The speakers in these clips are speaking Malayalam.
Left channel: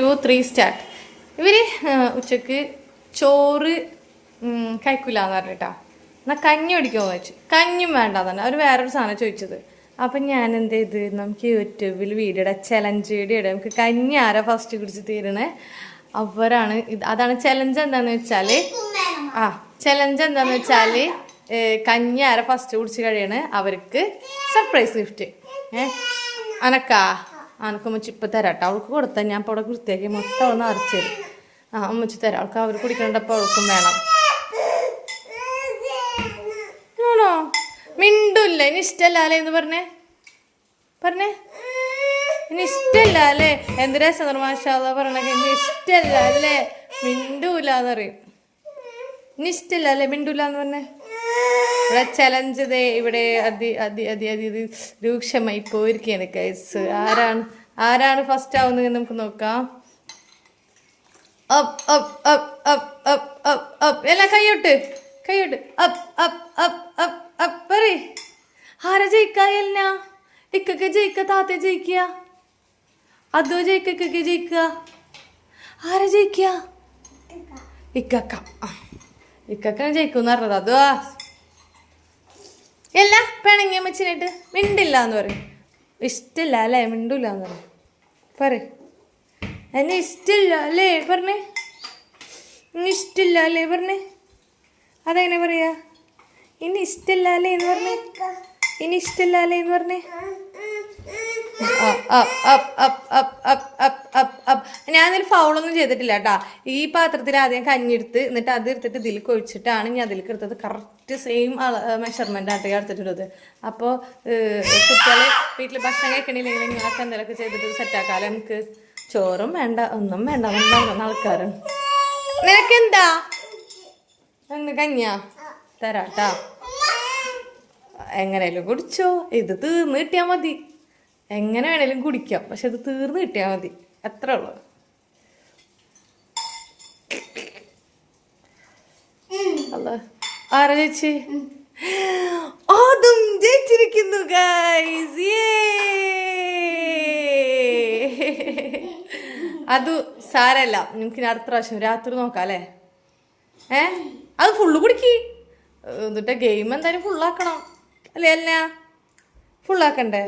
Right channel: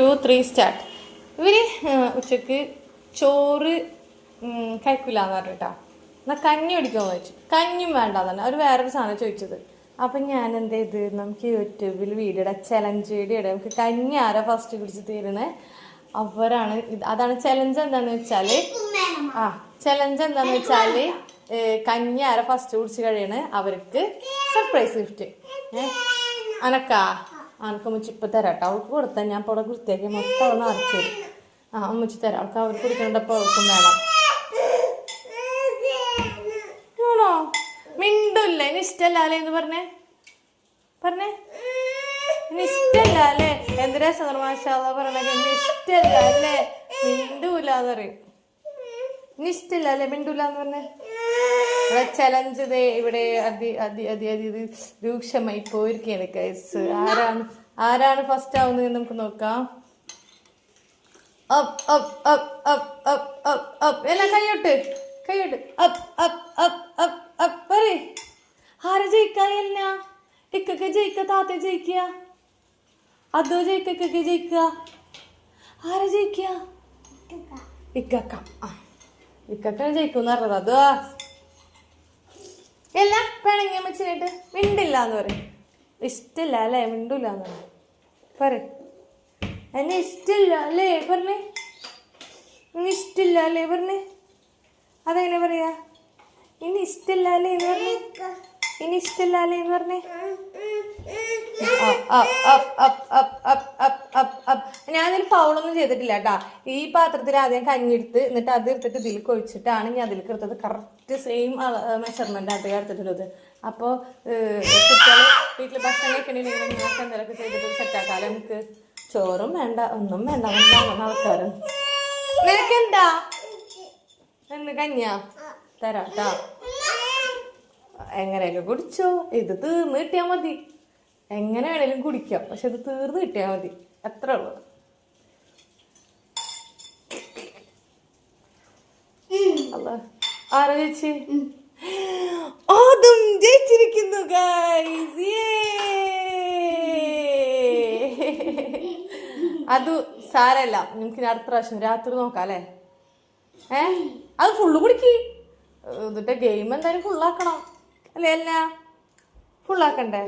2, 3 സ്റ്റാർട്ട്. ഇവര് ഉച്ചക്ക് ചോറ് കഴിക്കില്ലാന്ന് പറഞ്ഞിട്ടാ. എന്നാൽ കഞ്ഞി കുടിക്കുമെന്ന് ചോദിച്ചു. കഞ്ഞിയും വേണ്ടെന്ന് തന്നെ അവർ വേറൊരു സാധനം ചോദിച്ചത്. അപ്പം ഞാൻ എന്ത് ചെയ്ത്, നമുക്ക് യൂട്യൂബിൽ വീഡിയോ ഇടാം, ചലഞ്ച് വീഡിയോ ഇടാം. നമുക്ക് കഞ്ഞി ആരാ ഫസ്റ്റ് കുടിച്ച് തീരുന്നത് അവരാണ്. അതാണ് ചലഞ്ച്. എന്താണെന്ന് വെച്ചാൽ ചലഞ്ച് എന്താണെന്ന് വെച്ചാൽ കഞ്ഞി ആരാ ഫസ്റ്റ് കുടിച്ച് കഴിയണ അവർക്ക് സർപ്രൈസ് ഗിഫ്റ്റ്. അനക്കാ അനക്ക് ഉമ്മച്ചി ഇപ്പം തരാം കേട്ടോ. അവൾക്ക് കൊടുത്താൽ ഞാൻ ഇപ്പോൾ അവിടെ വൃത്തിയാക്കി മൊത്തം ഒന്ന് അരച്ചു തരും. ഉമ്മച്ചി തരാം. അവൾക്ക് അവർ കുടിക്കേണ്ടപ്പോൾ അവൾക്കും വേണം. ആണോ? മിണ്ടൂല്ലേ? ഇനി ഇഷ്ടമല്ല അല്ലേ എന്ന് പറഞ്ഞേ ഇനി ഇഷ്ടമല്ല അല്ലേ? എന്ത് രസം മാഷാള്ള പറഞ്ഞ ഇനി ഇഷ്ടമല്ല അല്ലേ? മിണ്ടൂലെന്ന് പറയും. ഇനി ഇഷ്ടമല്ല അല്ലേ? മിണ്ടൂലെന്ന് പറഞ്ഞേ. ഇവിടെ ചലഞ്ച് ഇവിടെ രൂക്ഷമായി പോയിരിക്കുകയാണ് ഗൈസ്. ആരാണ് ഫസ്റ്റ് ആവുന്നത് നമുക്ക് നോക്കാം. എല്ലാം കൈയോട്ട് പറയ്. ആരാ ജയിക്കാ? ഇക്കൊക്കെ ജയിക്ക, താത്ത ജയിക്കുക, അതോ ജയിക്കൊക്കെ ജയിക്കുക? ആരാ ജയിക്കുക? ഇക്കൊക്കെ ജയിക്കുമെന്ന് പറഞ്ഞത്. അതോ എല്ലാ പിണങ്ങി അമ്മച്ചിനായിട്ട് മിണ്ടില്ല എന്ന് പറയും. ഇഷ്ടമില്ല അല്ലേ? മിണ്ടില്ല എന്ന് പറയും. എന്നെ ഇഷ്ടമില്ല അല്ലേ പറഞ്ഞേ? ഇനി ഇഷ്ടമില്ല അല്ലേ പറഞ്ഞേ? അതെങ്ങനെ പറയാ? ഇനി ഇഷ്ടമില്ല അല്ലേ എന്ന് പറഞ്ഞേ? ഇനി ഇഷ്ടമില്ല അല്ലേ എന്ന് പറഞ്ഞേ? ഞാനതിൽ ഫൗളൊന്നും ചെയ്തിട്ടില്ല കേട്ടാ. ഈ പാത്രത്തിൽ ആദ്യം കഞ്ഞിയെടുത്ത് എന്നിട്ട് അത് എടുത്തിട്ട് ഇതിൽ കൊഴിച്ചിട്ടാണ് ഞാൻ അതിലേക്ക് എടുത്തത്. കറക്റ്റ് സെയിം മെഷർമെൻ്റ് ആയിട്ട് എടുത്തിട്ടുള്ളത്. അപ്പോൾ കുട്ടികൾ വീട്ടിൽ ഭക്ഷണം കഴിക്കണില്ലെങ്കിൽ ഇങ്ങനെയൊക്കെ എന്തെങ്കിലുമൊക്കെ ചെയ്തിട്ട് സെറ്റാക്കാലോ. നമുക്ക് ചോറും വേണ്ട, ഒന്നും വേണ്ട, ഒന്നും ആൾക്കാരാണ്. നിനക്കെന്താ? ഒന്ന് കഞ്ഞിയാ തരാട്ടാ. എങ്ങനെയാലും കുടിച്ചോ. ഇത് തീർന്ന് കിട്ടിയാൽ മതി. എങ്ങനെ വേണേലും കുടിക്കാം, പക്ഷെ ഇത് തീർന്ന് കിട്ടിയാൽ മതി. അത്ര ഉള്ളു. അല്ല ആരാ ചേച്ചി? അതും ജയിച്ചിരിക്കുന്നു ഗൈസ്. അത് സാരല്ല, നിങ്ങൾക്ക് അടുത്ത പ്രാവശ്യം രാത്രി നോക്കാം അല്ലേ? അത് ഫുള്ള് കുടിക്ക്. എന്നിട്ട് ഗെയിം എന്തായാലും ഫുള്ളാക്കണം അല്ലേ? അല്ല ഫുള്ളാക്കണ്ടേ?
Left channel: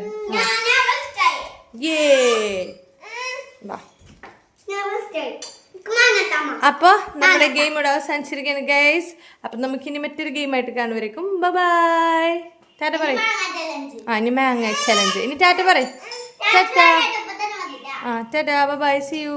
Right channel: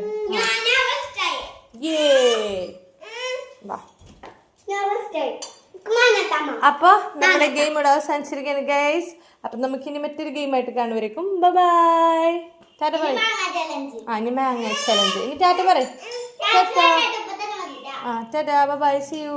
അപ്പൊ നമ്മുടെ ഗെയിം ഇവിടെ അവസാനിച്ചിരിക്കുകയാണ് ഗൈസ്. അപ്പൊ നമുക്കിനി മറ്റൊരു ഗെയിമായിട്ട് കാണുവരേക്കും ബൈ. ടാറ്റ പറയും. ഇനി മാങ്ങ ചലഞ്ച്. ഇനി ടാറ്റ പറയും. Tata. Tata bye. See U.